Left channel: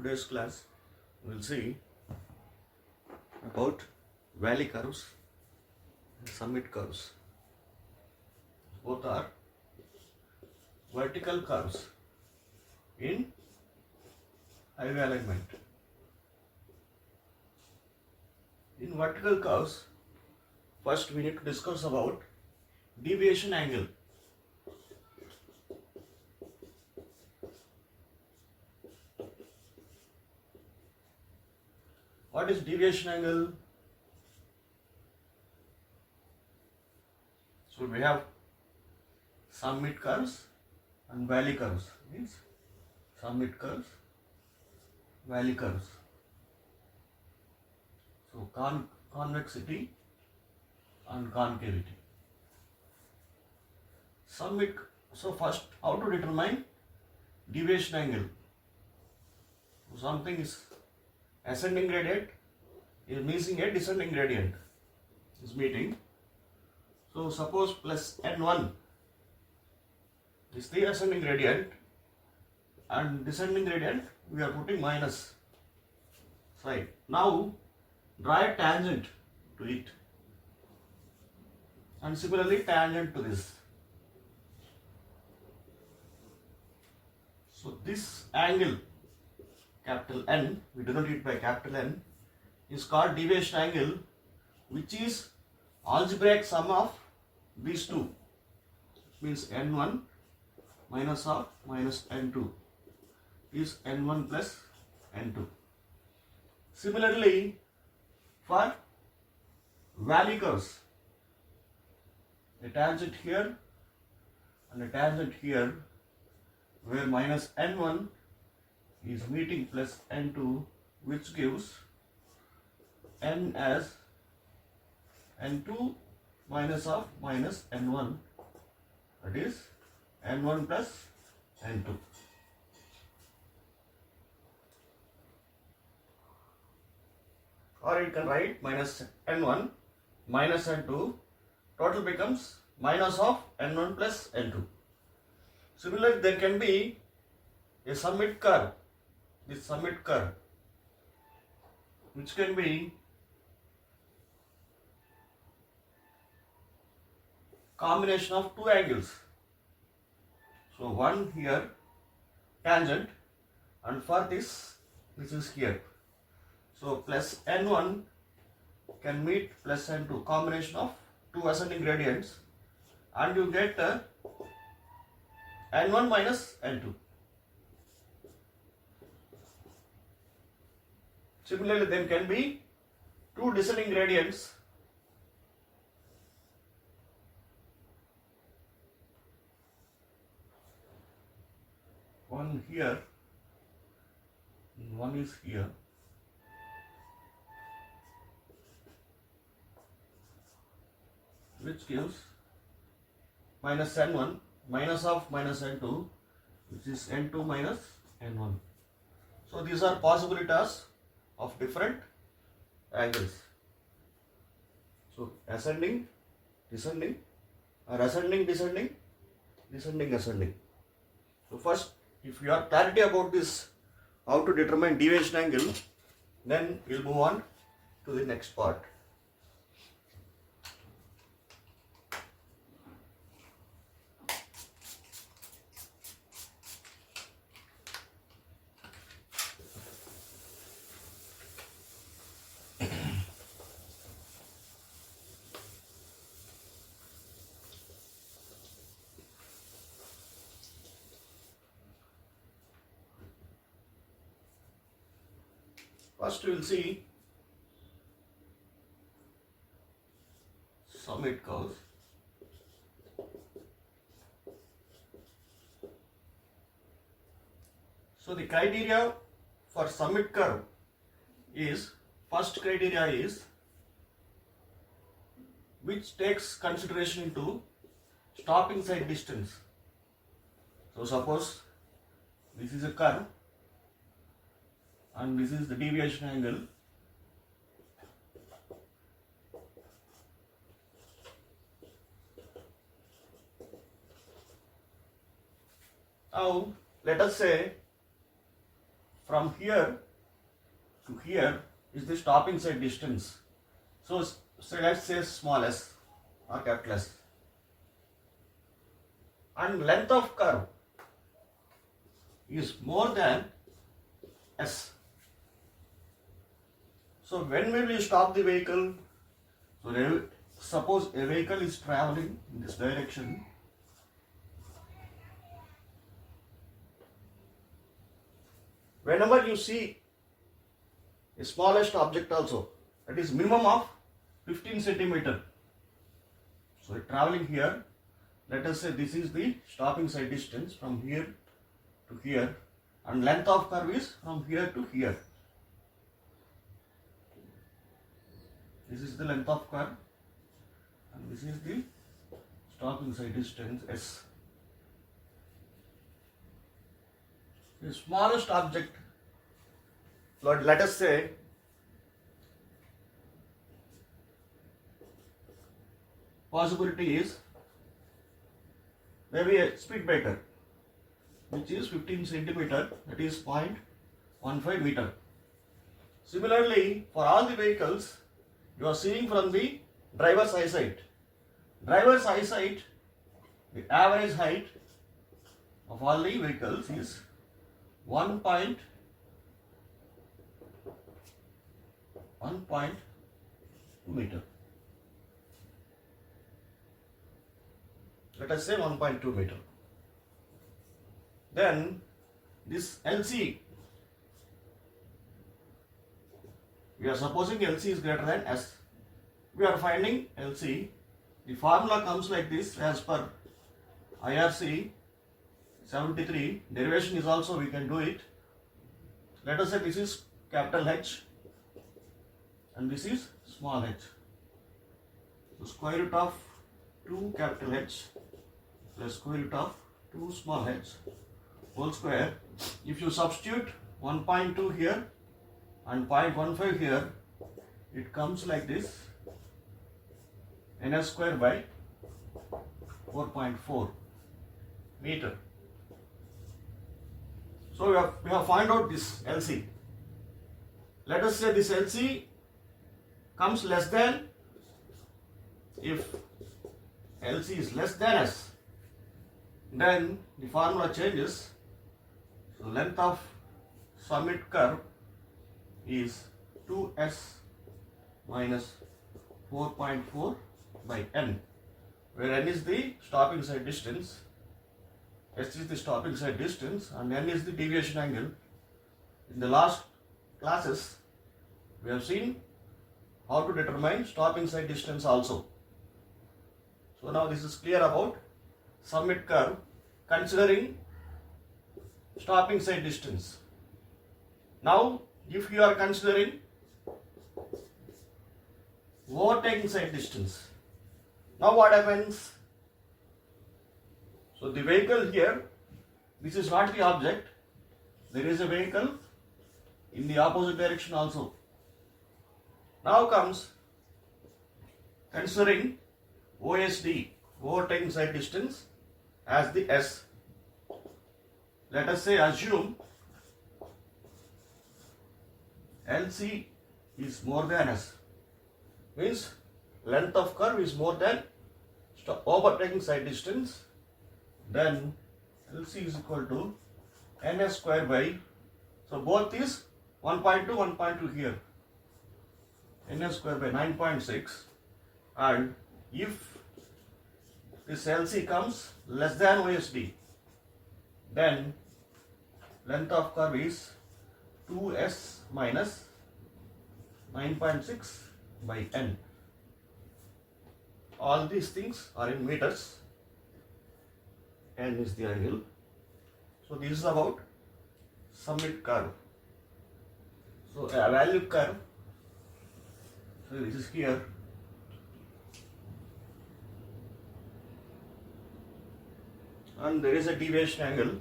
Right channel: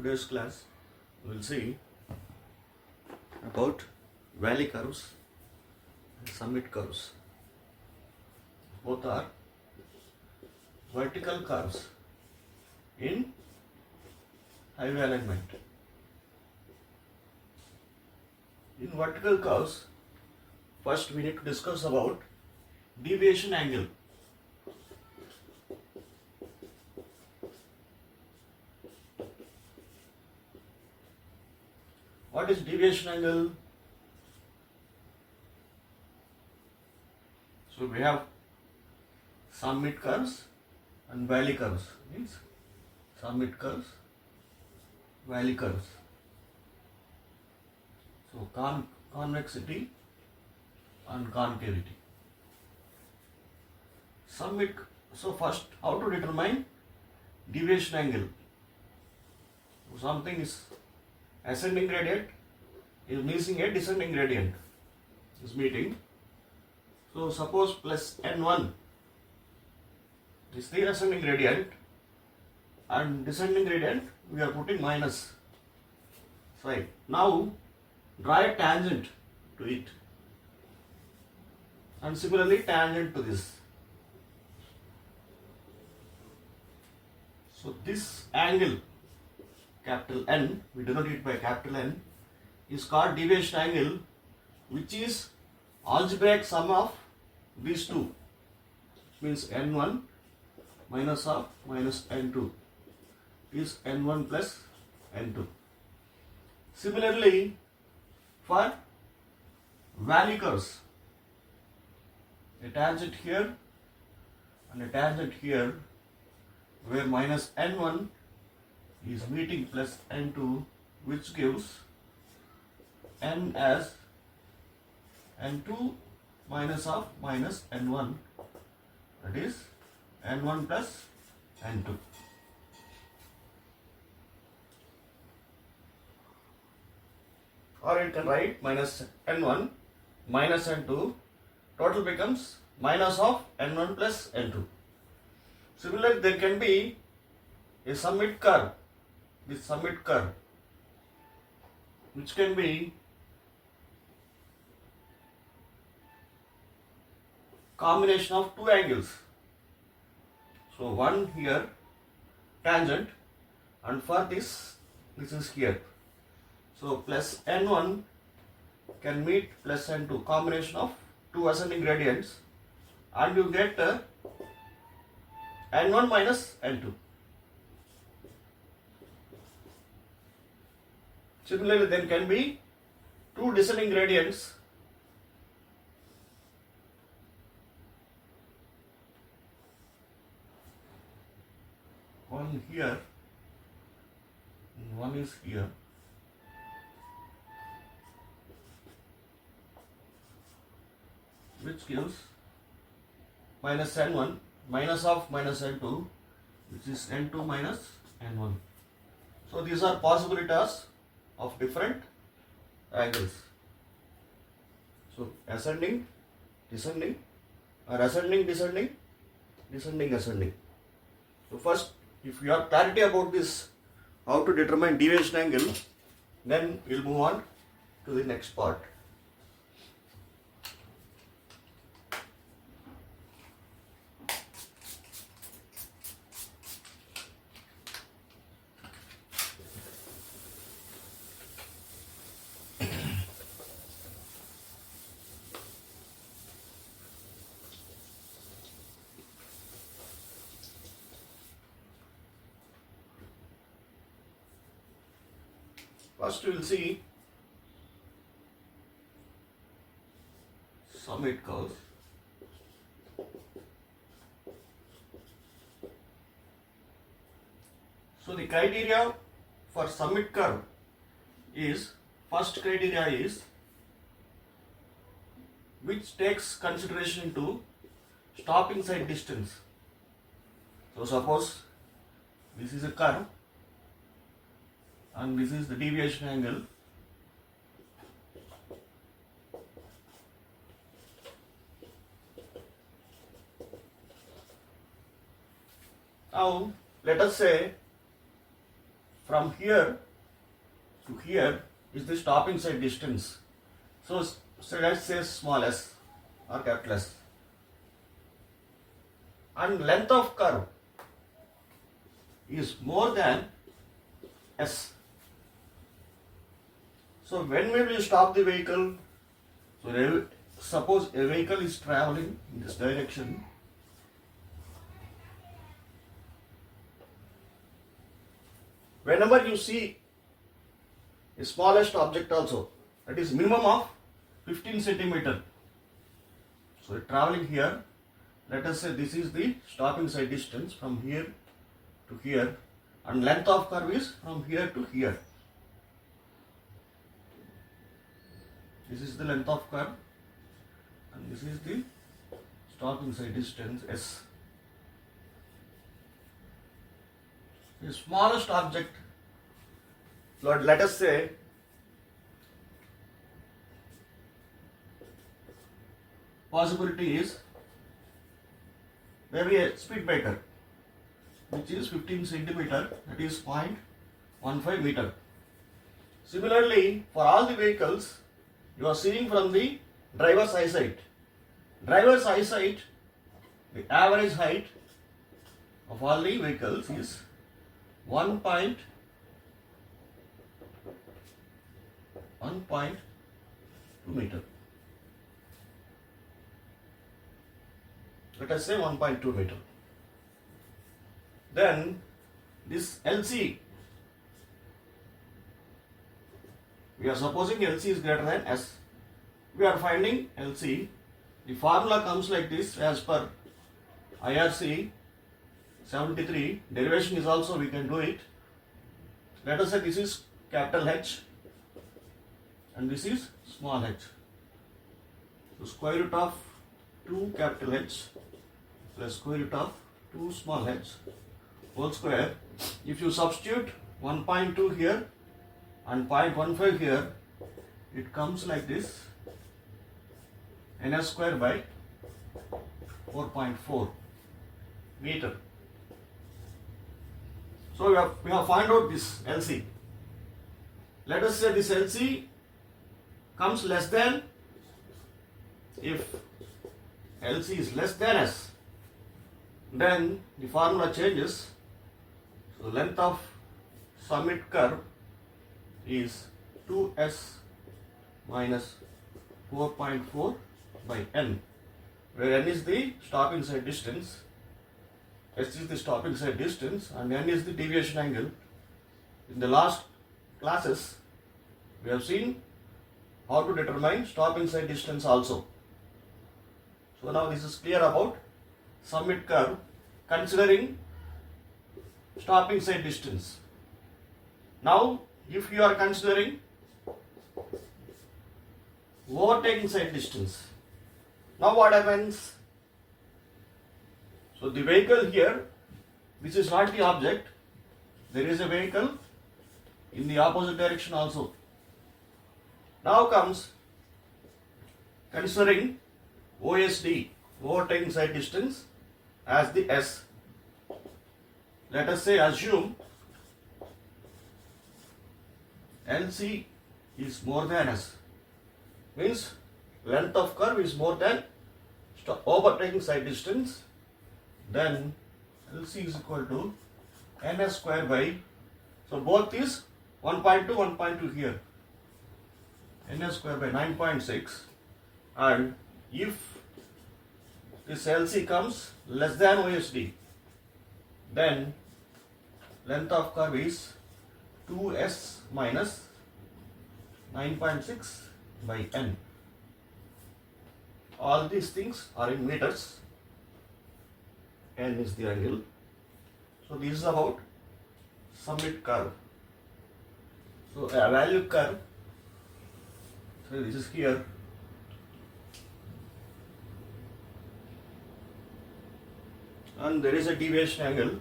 today's class we will see about valley curves and summit curves. Both are vertical curves in highway alignment. In vertical curves, first we need to discuss about deviation angle. What is deviation angle? So we have summit curves and valley curves. Means summit curves, valley curves. So convexity and concavity. Summit. So first, how to determine deviation angle? Something is ascending gradient is meeting a descending gradient is meeting. So suppose plus n1 is the ascending gradient and descending gradient we are putting minus side. Now draw a tangent to it and similarly tangent to this. So this angle capital N, we denote it by capital N, is called deviation angle, which is algebraic sum of these two. Means N1 minus of minus N2 is N1 plus N2. Similarly, for valley curves, a tangent here and a tangent here, where minus N1 is meeting plus N2, which gives N as N2 minus of minus N1, that is N1 plus N2. Or you can write minus N1 minus N2, total becomes minus of N1 plus N2. Similarly, there can be a summit curve, this summit curve, which can be combination of two angles. So one here tangent, and for this is here. So plus N1 can meet plus N2, combination of two ascending gradients, and you get N1 minus N2. Similarly, there can be two descending gradients, one here and one is here. Which gives minus N1 minus of minus N2, which is N2 minus N1. So these are possibilities of different angles. So ascending, descending, or ascending, descending, descending, ascending. So first, if you have clarity about this, how to determine deviation angle, then we'll move on to the next part. First we will see summit curves. So the criteria for summit curve is, first criteria is which takes consideration into stopping side distance. So suppose this is a curve and this is the deviation angle. Now let us say from here to here is the stopping side distance. So let's say small s or capital S. And length of curve is more than s. So when will you stop the vehicle? So suppose a vehicle is traveling in this direction. Whenever you see a smallest object also, that is minimum of 15 centimeter. So traveling here, let us say this is the stopping side distance from here to here, and length of curve is from here to here. This is the length of curve and this is the stopping side distance S. The smallest object, let us say possibility is maybe a speed breaker which is 15 centimeter, that is 0.15 meter. Similarly, for all the vehicles, you are seeing from the driver's eyesight. Driver's eyesight, the average height of all the vehicles is 1.2 meter. Let us say 1.2 meter. Then this LC, we are supposing LC is greater than S. We are finding LC. The formula comes like this as per IRC 73. Derivation is also, we can do it. Let us say this is capital H and this is small h. So square root of 2 capital H plus square root of 2 small h whole square. If you substitute 1.2 here and 0.15 here, it comes like this, ns square by 4.4 meter. So we have found out this LC. Let us say this LC comes less than, if LC is less than S, then the formula changes. So the length of summit curve is 2S minus 4.4 by N, where N is the stopping side distance, S is the stopping side distance and N is the deviation angle. In the last classes, we have seen how to determine stopping side distance also. So now this is clear about summit curve considering stopping side distance. Now if you are considering overtaking side distance, now what happens? So the vehicle here, this is not the object, there is a vehicle in the opposite direction also. Now comes considering OSD, overtaking side distance, as the S. Let us say assume LC is more than S, means length of curve is more than overtaking side distance, then LC is equal to ns square by, so both is 1.2, 1.2 here, ns square by 9.6, and if this LC comes less than OSD, then length of curve is 2S minus 9.6 by N. All these things are in meters. N is the angle. So this is about summit curve. So a value curve, so this is here, and there is a deviation angle.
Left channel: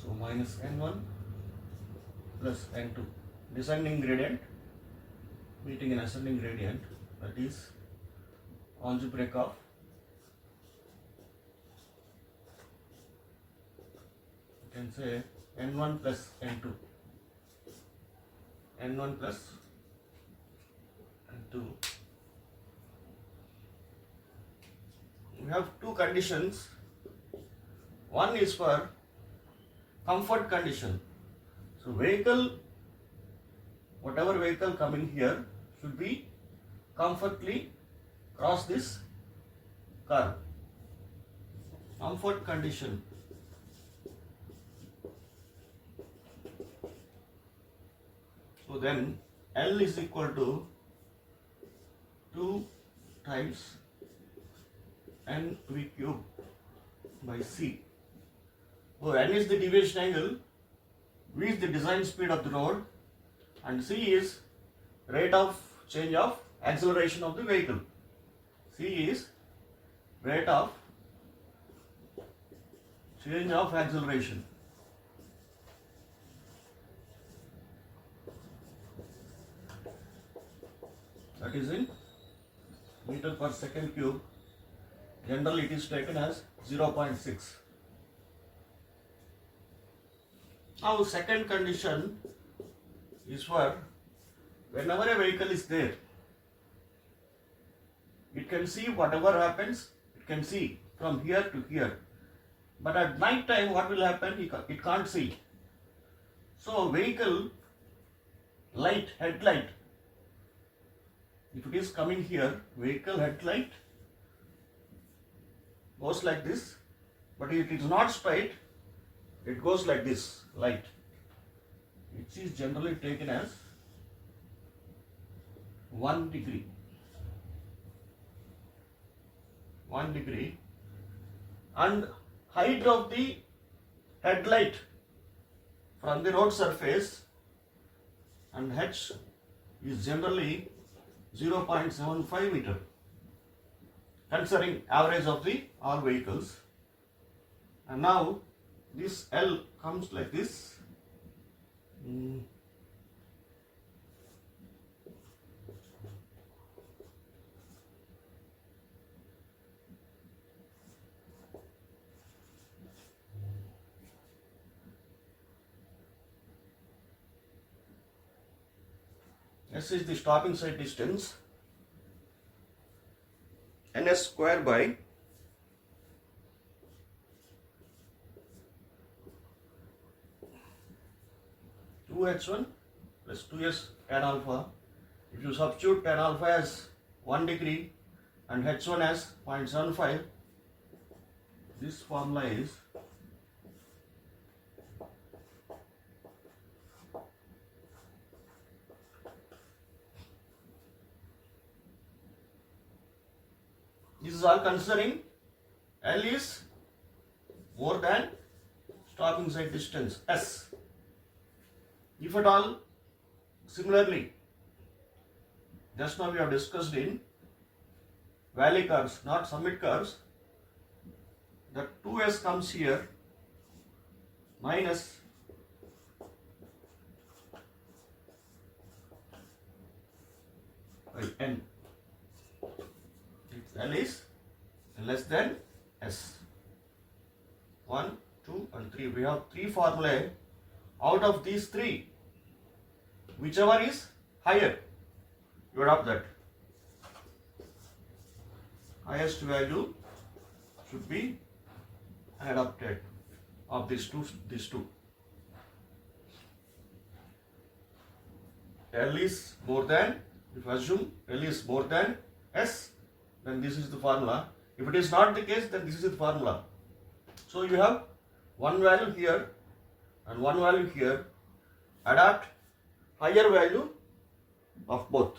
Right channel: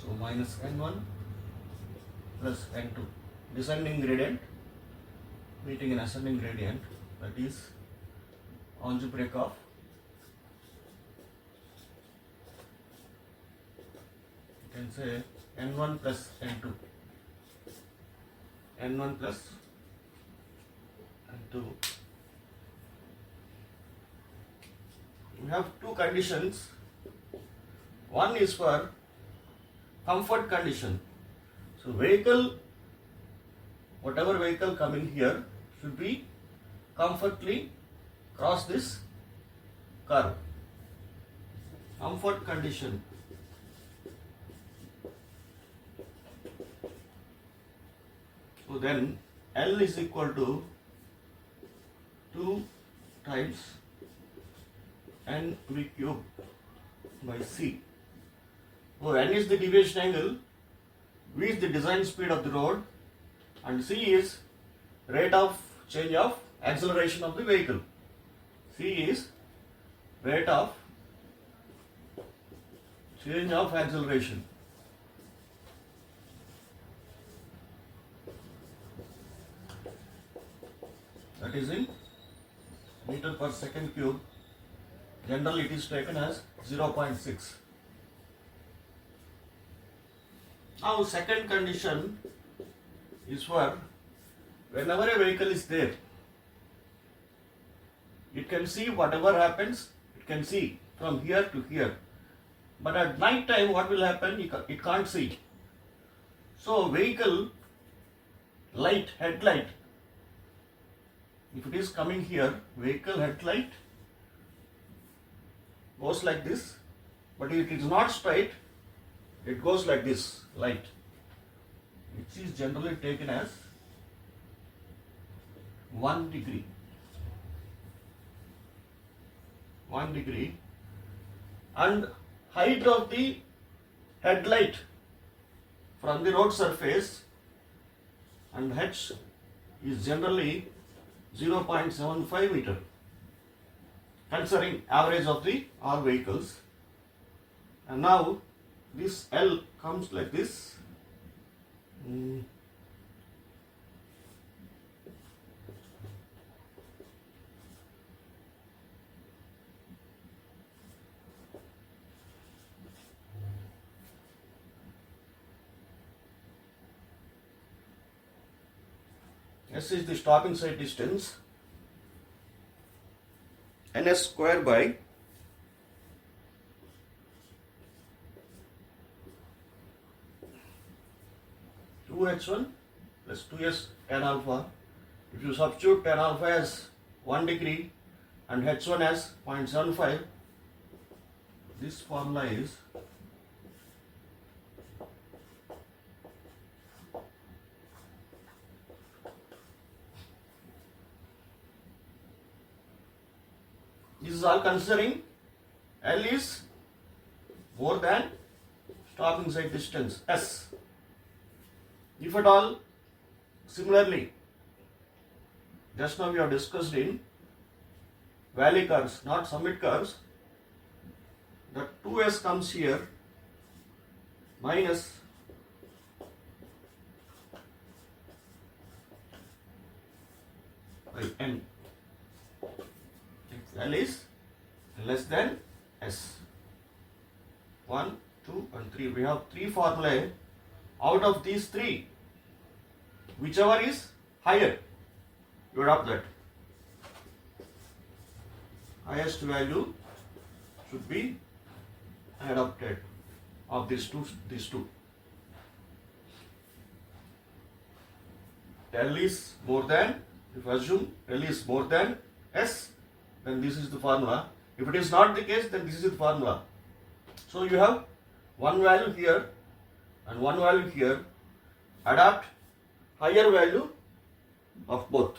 So minus n1 plus n2, descending gradient meeting an ascending gradient, that is algebraic of can say n1 plus n2. n1 plus n2. We have two conditions. One is for comfort condition. So vehicle, whatever vehicle coming here should be comfortably cross this curve. Comfort condition. So then L is equal to 2 times NV cube by C. So N is the deviation angle, V is the design speed of the road, and C is rate of change of acceleration of the vehicle. C is rate of change of acceleration. That is in meter per second cube. Generally it is taken as 0.6. Now second condition is for whenever a vehicle is there, it can see whatever happens, it can see from here to here. But at night time what will happen? It can't see. So vehicle light, headlight, if it is coming here, vehicle headlight goes like this, but if it is not straight, it goes like this, light, which is generally taken as 1 degree. 1 degree. And height of the headlight from the road surface and H is generally 0.75 meter, considering average of the all vehicles. And now this L comes like this. S is the stopping side distance, ns square by 2h1 plus 2s tan alpha. If you substitute tan alpha as 1 degree and h1 as 0.75, this formula is this is all considering L is more than stopping side distance S. If at all, similarly, just now we have discussed in valley curves, not summit curves, the 2S comes here minus by N. L is less than S. 1, 2 and 3. We have 3 formulae. Out of these 3, whichever is higher, you adopt that. Highest value should be adopted of these two. L is more than, if you assume L is more than S, then this is the formula. If it is not the case, then this is the formula. So you have one value here and one value here. Adapt higher value of both.